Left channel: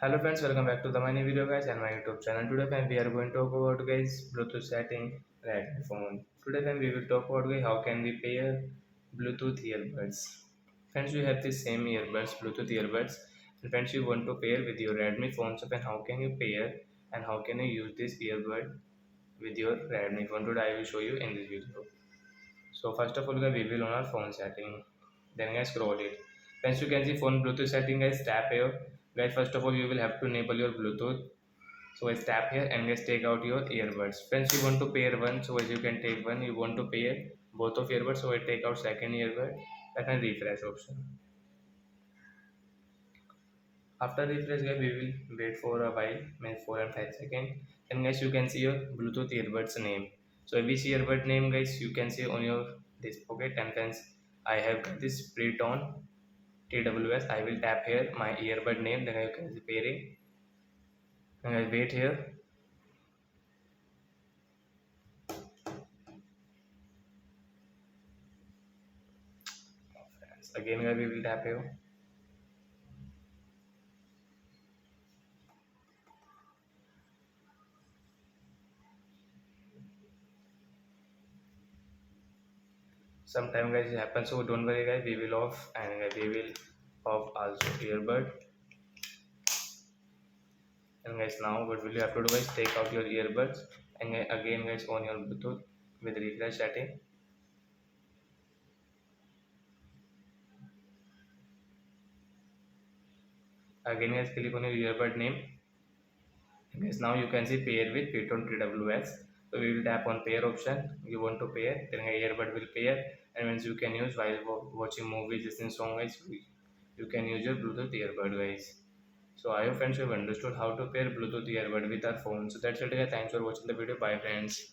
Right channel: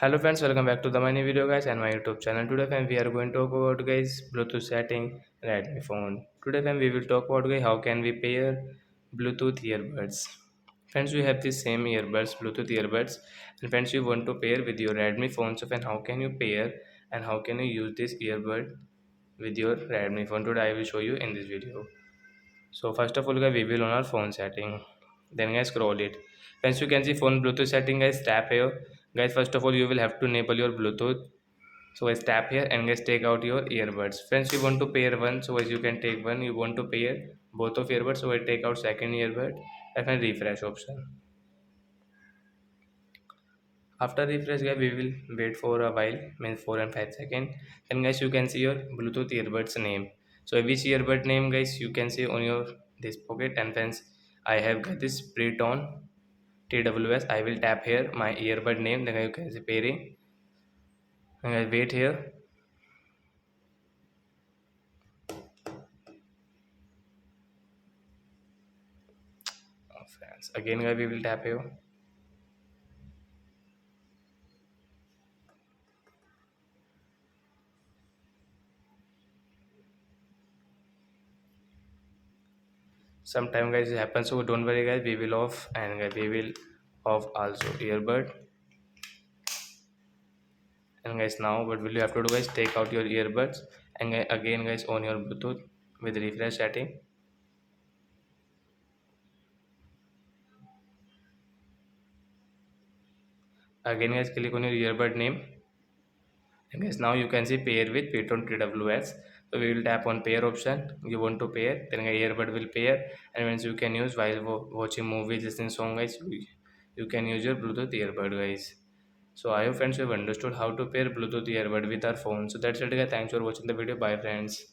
Hello friends, welcome back to the my new video guys and my YouTube channel. Today friend we are going to talk about guys Bluetooth setting Redmi phone. Today friend we will talk about guys how can we pair Bluetooth earbuds. Friends we have the same earbuds, Bluetooth earbuds, and friends you want to pair with your Redmi phone. So friend how can you pair and how can you use this earbud with your Redmi phone? Today I will show you in this video. So first of all guys we will on our phone setting. Then guys scroll it. Once you can see phone Bluetooth setting guys tap here. Guys first of all you will have to enable your Bluetooth. So guys tap here and guys take out your earbuds. Friends you want to pair one, so as you can take one. You want to pair both of earbuds, so I take out second earbud and then refresh option. After refresh guys we will wait for a while, means 4 and 5 seconds. Then guys you can see your Bluetooth earbuds name. So which earbud name guys you can see on your this pocket, and friends I have got this pre-tone TWS. I will tap here my earbud name, then I can see pairing and I wait here. Oh, friends again guys we will tap here. Sometime guys it happens, so don't worry guys, we will off, and guys we will off also earbud. And guys now what will you have to do guys, take out your earbuds and again guys on your Bluetooth with refresh setting. Again guys click on your earbud name, and guys now you can see pair with Python TWS. So we will tap on pair option. You want to pair, then guys earbud will pair, and once you can use while watching movies, listening song guys, you can use your Bluetooth earbud guys. So I hope friends you have understood how to pair Bluetooth earbud with our phone. So that's it guys, thanks for watching the video, bye friends.